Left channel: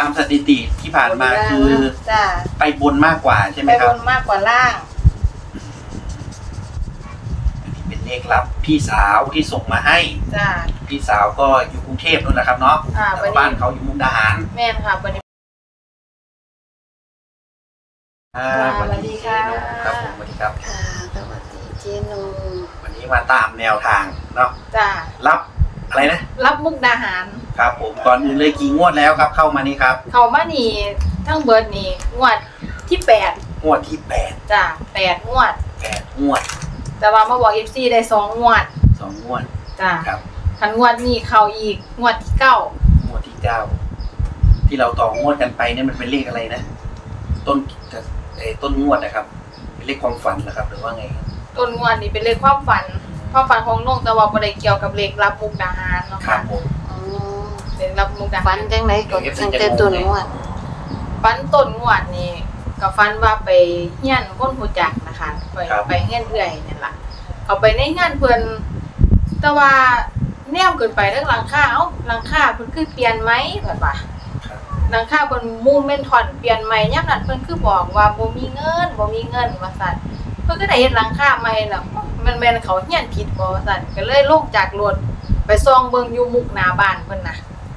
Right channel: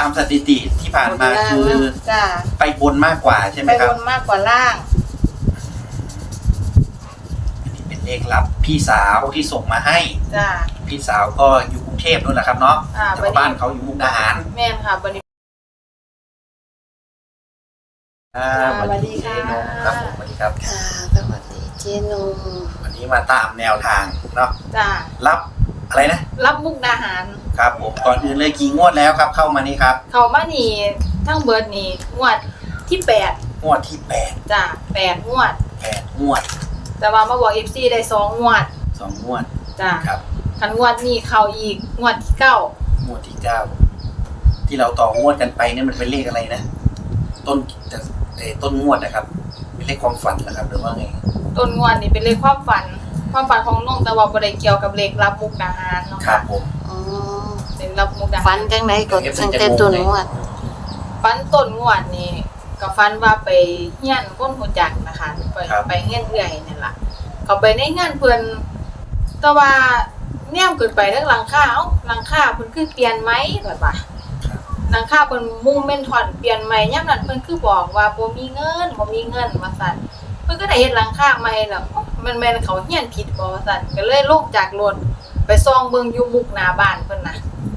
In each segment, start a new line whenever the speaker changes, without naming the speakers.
ามสถิติที่ผ่านมาคือ
จ้า
ไปบนมากกว่าใช่ไหม
ไป
ครับ
บนมากกว่าล่าง
อันนี้เป็นเลขลับพี่สาวที่ส่งมาให้
จ้า
พี่สาวก็อยู่กรุงเทพนู่นแหละครับเนาะแต่บ้านเขาอยู่มุกดาหาร
แม่นค่ะวันนี้สวัสดีค่ะ
ครับผมสวัสดีครับ
ค่ะสวัสดีเจนุ
วันนี้มาตามแนวทางเนาะ
จ้า
รับอะไรนะ
รับมุกดาหาร
ครับผมก่อนอื่นเลยกี่งวดแล้วครับเข้ามานี่ครับ
เขามานี่ทั้งเบิร์ดนี่งวดที่8
งวดที่8
จ้า8งวด
งวด
แต่ว่ามาบอก FC ได้2งวด
2งวด
จ้า
ครับ
คันงวดนี้เข้าอีกงวดที่9
งวดที่9ที่เราต่องวดกันไปเนี่ยมันเป็นเลขอะไรนะต้นงวดนะครับเป็นเลขความฝันนะครับหรือว่าไง
ต้นงวดนี่เป็นเลขความฝันของน้องแต่ว่าบ่ได้เกี่ยวกับเลขรับมุกดาหารเนาะ
ครับผม
เลขรับมุกดาหาร
ฝันจังได๋ก็ตั้งแต่ต้นงวด
ฝันต้นงวดนี่ก็ฝันว่าไปเฮียนคนฮู้จักนะคะไปเฮียนเอื้อยนั่นล่ะเขาไปในงานเพิ่นแต่ว่าแนมขึ้นไปทางหลังคาหลังคาเพิ่นคือเปลี่ยนไหมเพิ่นว่าหลังคาเพิ่นมุงเม่นท่อนเปลี่ยนใหม่ยามนั้นเพิ่นคือบอกว่าบ่มีเงินว่าซั่นเพิ่นก็ได้เฮ็ดหลังคาใหม่แล้วมันแม่นเขาเฮียนผิดบ่ว่าซั่นก็เลยลงจากรถไปส่องเบิ่งอยู่มุกหน้าบ้านเพิ่นน่ะ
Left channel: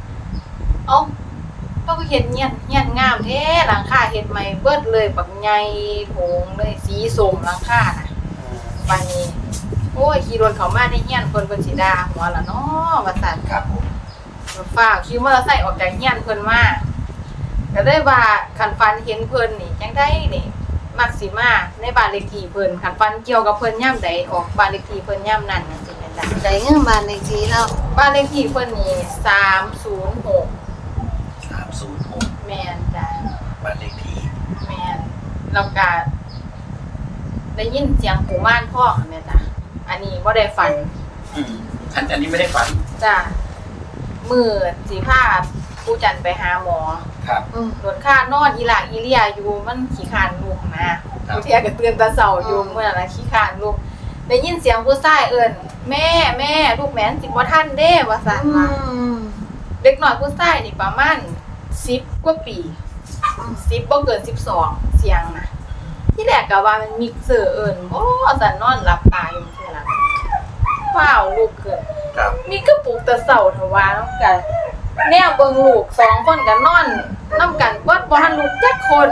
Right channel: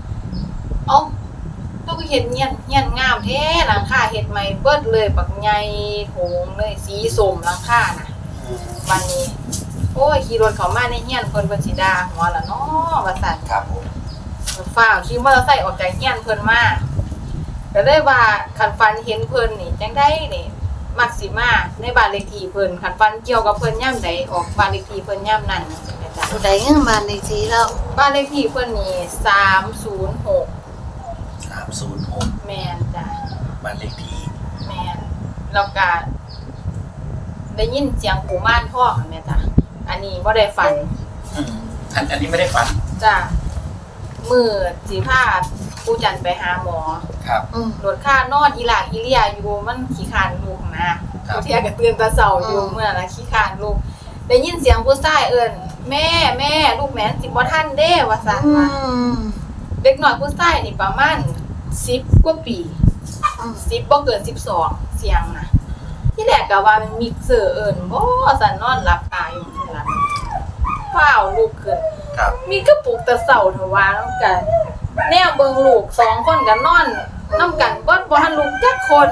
เราก็เฮ็ดเฮียนงามแท้หลังคาเฮ็ดใหม่เบิดเลยบักใหญ่โถงเลยสีส้มหลังคาน่ะบัดนี้โอ้ยขี่รถเข้ามาในเฮียนเพิ่นสิด่าหัวล่ะเนาะว่าซั่น
ครับผม
ฟ้าวขี่มอเตอร์ไซค์ออกจากเฮียนเพิ่นมาก็เลยว่าคันฟันเห็นเพิ่นนี่จังได๋นี่มักสิมาในบ้านเลขที่เพิ่นคันฟันเกี่ยวกับเพิ่นยามใดออกบ้านเลขที่เพิ่นยามนั้นจังซี่แม่นจ้ะ
ได้เงินบ้านเลขที่เรา
บ้านเลขที่เพิ่นนี่306
แ
ม่นจ้ะ
บ้านเลขที่
แม่นแล้วก็ได้ยินเสียงปู่ม่านพ่อแม่จ้ะอันนี้บ่ได้ฝัน
อันนี้ไม่ได้ฝัน
จ้ะมื้อสิพาปู่จันไปหาหมอ
ครับ
รถค่านอนอีหลากอีเลียอยู่มันขี้คร้านลูกนะผู้เที่ยก็ตื่นแต่เช้าอยู่เมื่อน่ะขี้คร้านลูกได้ยินเสียงผู้ชายเอิ้นแม่ลูกแม่นสิบ่ทันเด้ว่าซั่นว่าเด็กน้อยผู้ชายนี่ประมาณ10กว่าปี10บ่เกิน12เสียงน่ะที่แรกก็ว่ามันมิกเซอร์เอิ้นบ่ซั่นนอนหลับตาอยู่ซั่นล่ะฟ้าวลุกขึ้น
ครับ
มีกระปุกแต่เช้าเถาว่าแล้วก็แนวเบิ่งลูก2คนก็นอนนำกันเบิดบ่ทันลูกจักคน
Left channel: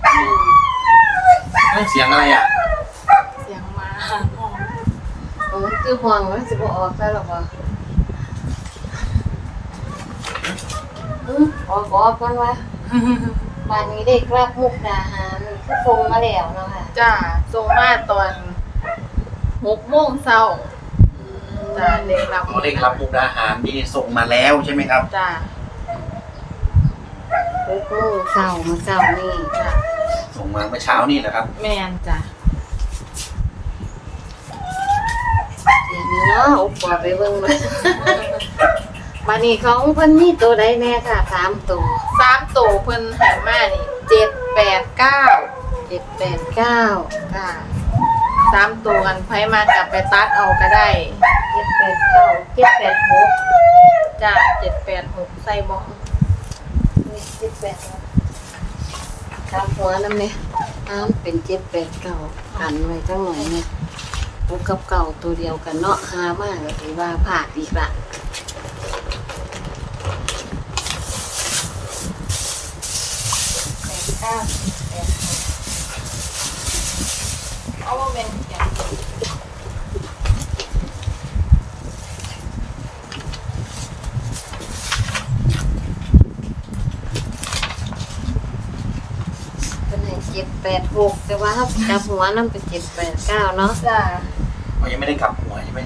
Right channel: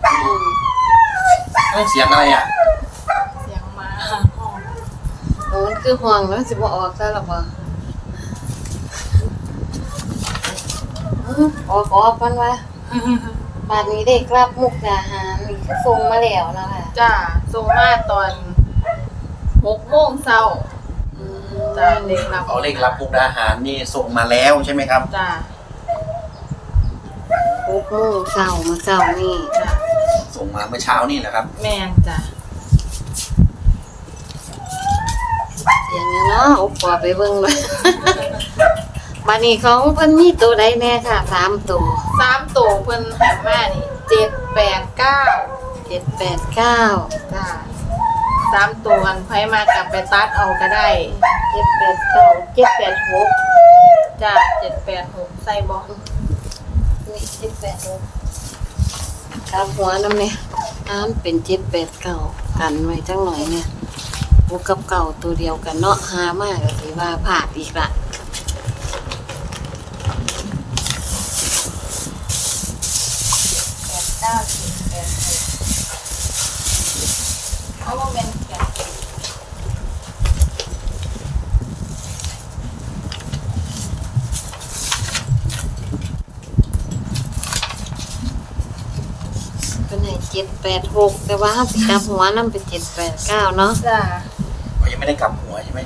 เสียงอะไรอ่ะ
เสียงหมา
คือห่วงแล้วสิบ่ออกซะหรอกบ่ออกกันว่าบ้านนี้เด็กรับมุกดาหารนี่คือส่งมาแล้วเนาะค่ะ
จ้าส่งมาตอน6:00 นจ้าเด็กรับ
มุกดาหารนี่ส่งมาแล้วใช่ไหมครับ
จ้า
6:00 นเช้ามื้อเช้านี่
จ้า
ส่งมาเมื่อเช้านี่แหละครับ
แม่นจ้า
เสียงเนาะอุปไปเบิ่งมาบัดนี้ของเพิ่นมีตัวใดแน่ค่ะ3ตัว
3ตัวเพิ่นให้มานี่789
จ้า
3ตัวกันไผมากลับไปตัดเอาก็ได้
789 786
จ้า786ใส่บ่
นี่786ครับหัวนำนี่เป็น789กันไว้จังหน่อยเนี่ยพวกกับเก่าตัวเดียวกันเนาะหามากก็สิว่าพลาดอีกละ
เอาว่าเป็นอย่าง
เป็นให้786แต่ว่าถ้าไปจับหัวนำเป็น789เนาะ
จ้า
ยังไม่ได้กลับหัวใช่ไหม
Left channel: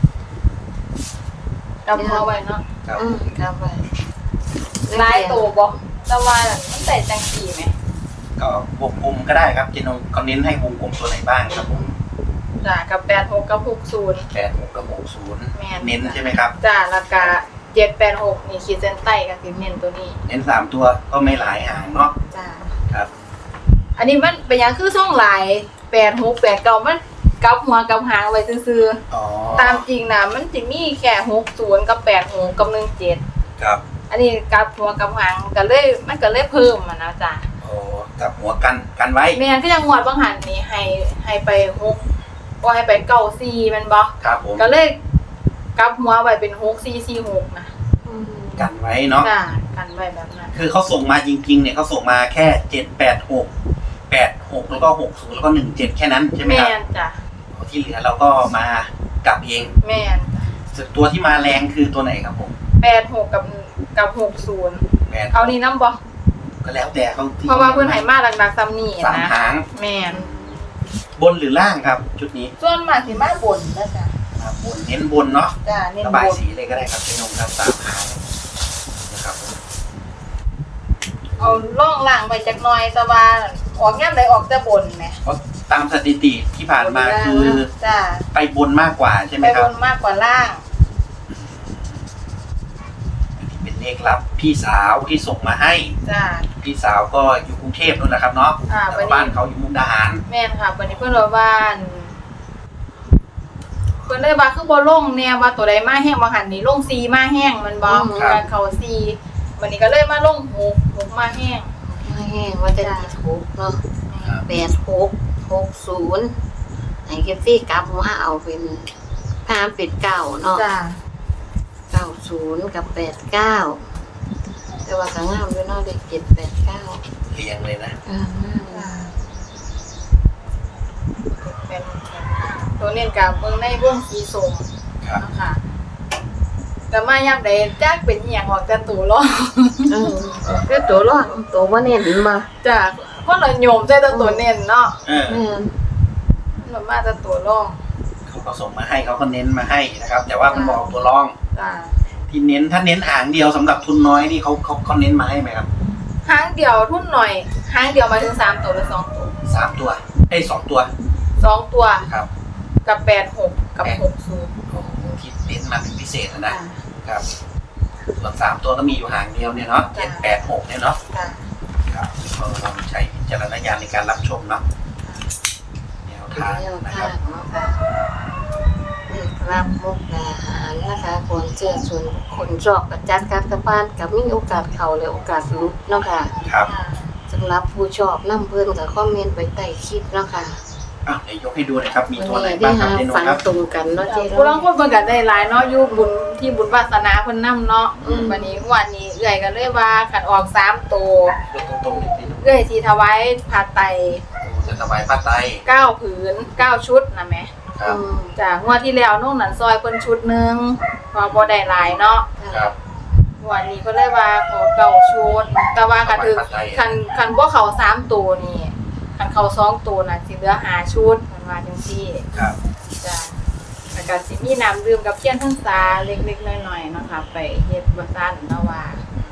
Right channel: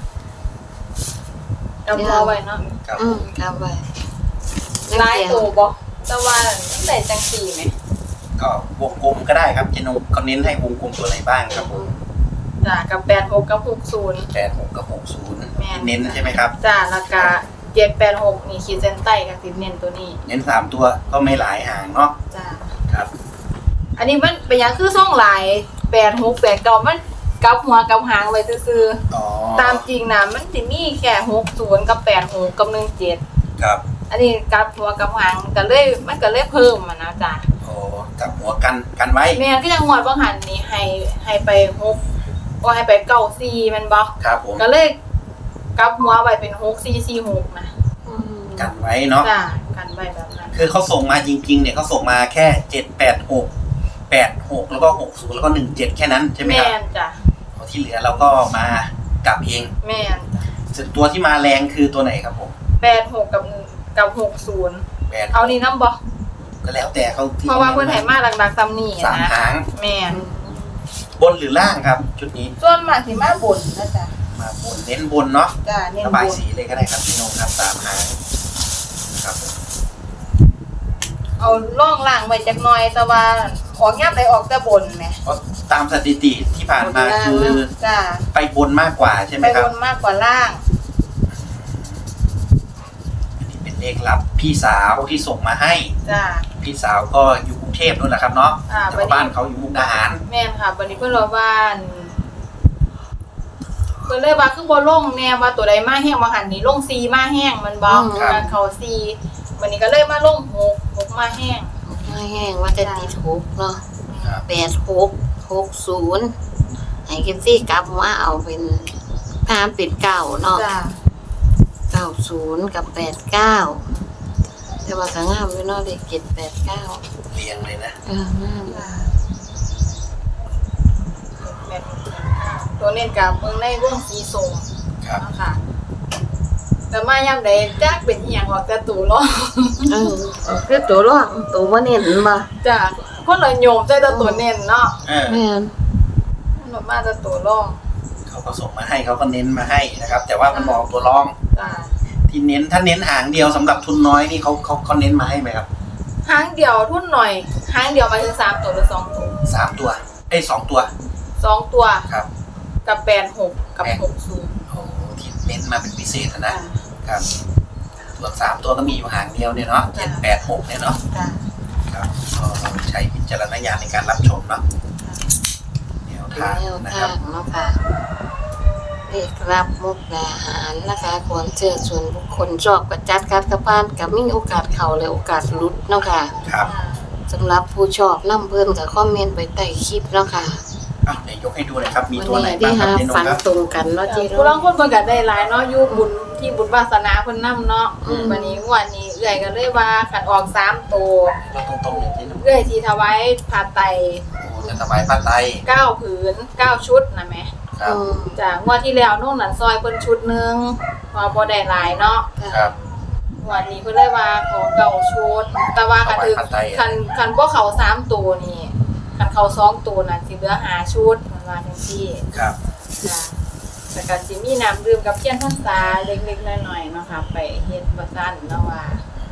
กลับหัวไว้เนาะ
ครับไว้
ลายโตบ่แต่ว่ามันใส่จังสีไหม
ก็วงกลมก็ได้ครับเจนุเขาเน้นให้วงกลมตัวไหนบ้างครับผม
จ้ากับ86กับ60
กับ60เน้นใช่ไหมครับ
จ้าแล้วก็786นี่ขีดเส้นใต้ก็สิเน้นตัวนี้
เน้น3ตัวก็ไม่หลายหางเนาะ
จ้า
ครับ
อันนี้มันเป็นอย่างคือช่องหลาย86 89มันกับหัวกับหางไว้ซื่อๆตามจริงนะมันสิมีแค่60กับ86กับ17
ครับ
อันนี้กลับหัวกลับหางก็เลยมันก็เลยเพิ่มมานะจ้ะ
โอ้กับหัวกันไว้
แม่นก็ยังงวดบางหันนี่ให้ไป6บ่ให้ไป94แม่นบ่
ครับผม
ก็เลยกลับหัวไว้เป็น6446นะ
อืม
กันไว้เนาะ
จ้ะกันไว้แบบนั้น
คือเขาส่งมาจริงๆเนี่ยเขาส่งมาแค่786แล้วก็60แล้วก็17แค่นั้นใช่ไหม
แม่
ครับ
นจ้ะ
ที่เหลือเราก็มากลับเอง
แม่นจ้ะ
ส่วนตัวที่มาแรงคือตัวไหนครับผม
86กับ60
8
เอานี่นำบ่
ก็แล้วแต่เขาที่
เพราะว่าเพิ่นให้มาหลักๆซ้ำนี่
สาม
นะ
หาง
แม่น
บนหรือล่างครับ ชุดนี้
ส่วนมากสิมาบนนะจ๊ะ
มาบนเน้นบนเนาะ
จ้ะเน้น
ระ
บบ
าย
น
สีเลยก็ได้ครับพี่น้องครับสามหางนะครับผม
เอาล่องล่างไว้จักหน่อยแต่ว่าออกย่ำใดออกแต่บนแหม
เพราะตามสถิติที่ผ่านมาคือ
จ้ะ
ไปบนมากกว่าใช่ไหม
ไป
ครับ
บนมากกว่าล่าง
อันนี้เป็นเลขลับพี่สาวที่ส่งมาให้
จ้ะ
พี่สาวก็อยู่กรุงเทพนู่นแหละครับเนาะ
อ่า
แต่ว่าบ้านเขาอยู่มุกดาหาร
แม่นค่ะวันนี้เพิ่นว่าบ้านเพิ่นเลยว่าคือบ่ลงแน่ว่าตัวใดมาแห้งบ่หันนี่ลง4มาแห้งมันบ่การเข้า4วันนี้ก็เลยมาลง6มาแห้ง
แห้งว่าจะติดหกเนาะ
ครับ
8660ให้เก็บซี่กลับหัวเอาเป็นพามเป็นเก้าเนาะ
จ้ะ
90กับ89แต่ว่าก็งามอยู่เนาะเลข789
เรียงเลยนะ
งาม
จ้ะเป็นตัวเน้นกับเบิ่งในวงสีส้ม
ครับ
เนาะค่ะแต่มายามใดจักเป็นอีหยังออกแต่ตู่ล้อ
คือตัวรองตัวบ่เน้นบ่
จ้ะคนละโยมใส่แต่ตัวเน้นเนาะ
เออ
แม่น
มันมาแต่ตัวล้อ
เขาก็ส่งมาให้เขาก็เน้นมาให้นะครับ แต่ว่ามันบอกตัวรอง
จ้ะ
ที่เน้นถ้าเน้นหางเดียวสำหรับทุนน้อยนี่เขาเน้นมาให้ไหมครับ
หางเดียวทุนหน่อยหางเดียวมาถึง3ตัวหรือ2ตัว
3 ตัว2 ตัว
2ตัว
ครับ
กับ86กับ60
โอ้โหที่เน้นมาเป็นพิเศษนะ
จ้ะ
ครับส่วน3 ตัวก็มีอยู่หางเดียวเนี่ยเนาะ
จ้ะ
786เนี่ยเนาะ
จ้ะ
ครับเราใช้วิจารณญาณในการรับชมเนาะแนวทาง
แนว
นะค
ทา
รับ
งเนาะค่ะเลขรับมุกดาหารนะคะควรเชื่อส่วนบุคคลชอบประจัดการกระพานกับมีโอกาสเข้าและโอกาสหลุดเนาะค่ะ
ครับ
สำหรับผู้ชอบนํเพิ่นก็คอมเมนต์ไว้ใต้คลิปเนาะค่ะ
อ้าวเดี๋ยวยกให้ดูหนะครับ มีตัวไหน
ที่
บ้างครับ
หา
เจนุ
ฝัน
ครับ
ตรงกันเนาะเจ๊
ผู้ลางคนเพิ่นก็ได้หลายเนาะอยู่บุญที่บุญวาสนาเพิ่นนำเนาะ
อืม
วันนี้วันนี้เอื้อยก็เลยว่าคันออก3ตัวย
กตรงๆอย่างที่ดู
เอื้อยสิถวายผ้าไตร
จะถวายผ้าไตร
9ผืน9ชุดนะแหม่
ครับ
จ้ะงวดที่แล้วน้องนันซอยเพิ่นชุดหนึงเพอบ่ได้หลายเนาะ
ครับ
งวันนี้เพิ่นเลยว่าขอเก่าชุดแต่ว่าคันถึง
ถวายผ้าไตร
คันบ่เข้า3ตัวนี่คันเข้า2ตัวน่ะสิเหลือ5ชุดเพิ่นว่าจังซี่
ครับ
จ้ะแล้วก็สิมีน้ำดื่มกับเทียนพรรษาเล็กๆน้อยๆเนาะค่ะไปเฮ็ดว่าซั่นเนาะว่า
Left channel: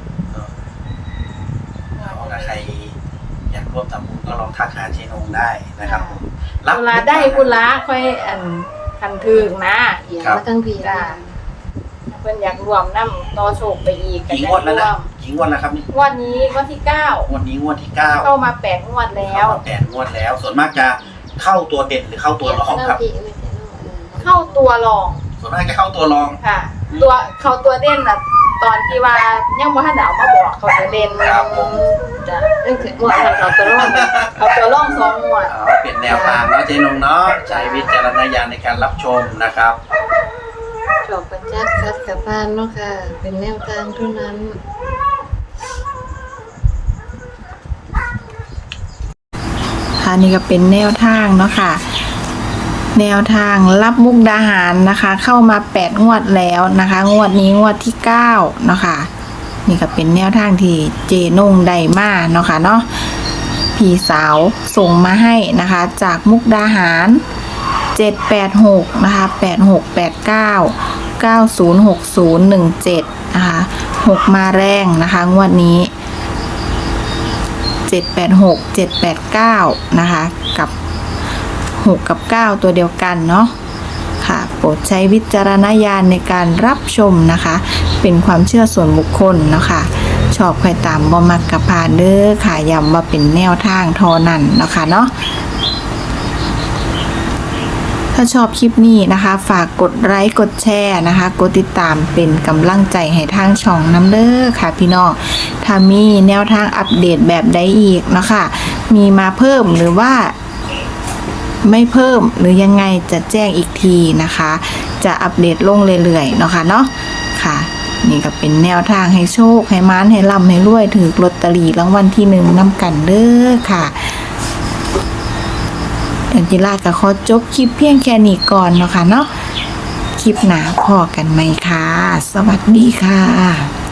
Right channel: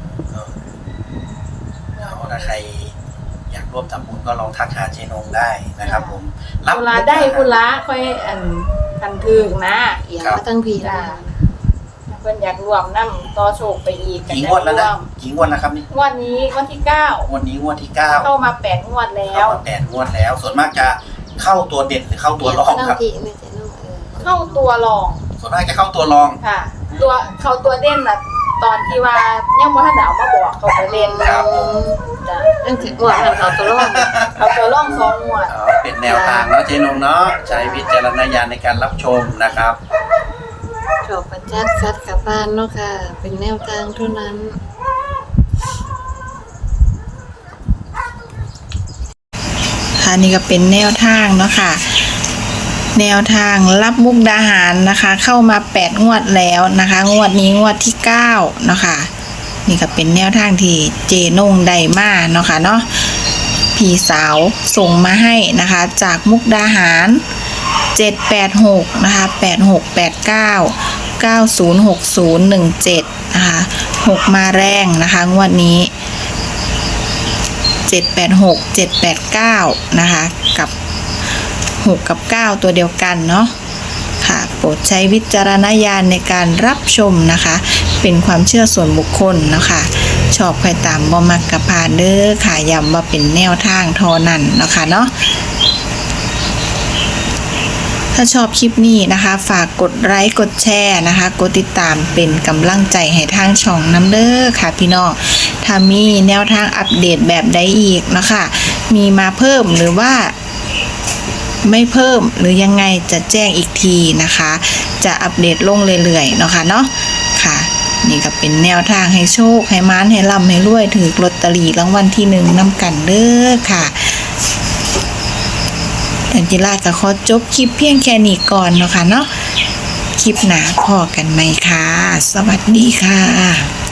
เอาถ้าใครอยากร่วมทำบุญก็ลองทักหาเจนงได้นะครับผม
เวลาได้พุละค่อยคันถึกนะ
เอียงมาทั้งพี่
จ้ะถ้าเพิ่นอยากรวมนํต่อโชคไปอีกก็
กี่ง
จะ
วดแล้ว
ร
นะ
วม
กี่งวดแล้วครับนี่
งวดนี้งวดที่9
งวดนี้งวดที่9
เข้ามา8งวดแล้ว
เข้ามา8 งวดแล้ว ส่วนมากจะเข้าตัวเด่นหรือเข้าตัวรองครับ
พี่ไม่ใช่ลูกเออ
เข้าตัวรอง
ส่วนมากจะเข้าตัวรอง
ค่ะ เข้าตัวเด่นน่ะตอนที่ว่ายังบ่ทันได้เอามาบอกเข้าตัวเด่น
ครับผม
จ้ะ
นั่นคืองวดมันเขาตัวรอง
เข้าตัวรอง2งวด
เป็นแนวทางเนาะเจนงเนาะใช้วิจารณญาณในการรับชมนะครับ
ชอบประจัดฟัดกับบ้านเนาะค่ะ เป็นแนวทางเท่านั้น
ค่ะนี่ก็เป็นแนวทางเนาะค่ะ แนวทางรับมุกดาหารนะคะ เข้ามา8งวดแล้วนะคะ งวดนี้งวดที่9เนาะค่ะนี่ก็เป็นแนวทางที่เจนงได้มาเนาะค่ะเนาะพี่สาวส่งมาให้นะคะ จากมุกดาหาร786นะคะ8689 906017นะคะ6มาแรงนะคะงวดนี้786 789นะคะกับ6กับ9ตัวเดียวกันเนาะค่ะโปรดใช้วิจารณญาณในการรับชมนะคะ เป็นความเชื่อส่วนบุคคลเนาะค่ะชอบใครตามบ่มักกะพานเด้อค่ะย้ำว่าเป็นแนวทางเทอนั่นเนาะค่ะเนาะ
ถ้าชอบคลิปนี้นะคะฝากกดไลค์กดแชร์นะคะกดติดตามเป็นกำลังใจให้ทางช่องน้ำเด้อค่ะพี่น้องถ้ามีแนวทางอัปเดตแบบใดอีกเนาะค่ะมีมาเพิ่มหรือว่าไม่เพิ่มหรือยังไงจะแจ้งอีกทีนะคะจะอัปเดตลงเรื่อยๆเนาะค่ะเนาะค่ะนี่ก็เป็นแนวทางให้โชคให้ม้านให้ร่ำให้รวยถือลอตเตอรี่รางวัลที่1นำกันเด้อค่ะแต่จิราก็ขอจบคลิปเพียงแค่นี้ก่อนเนาะค่ะเนาะคลิปหน้าพอกันไหมคะสวัสดีค่ะ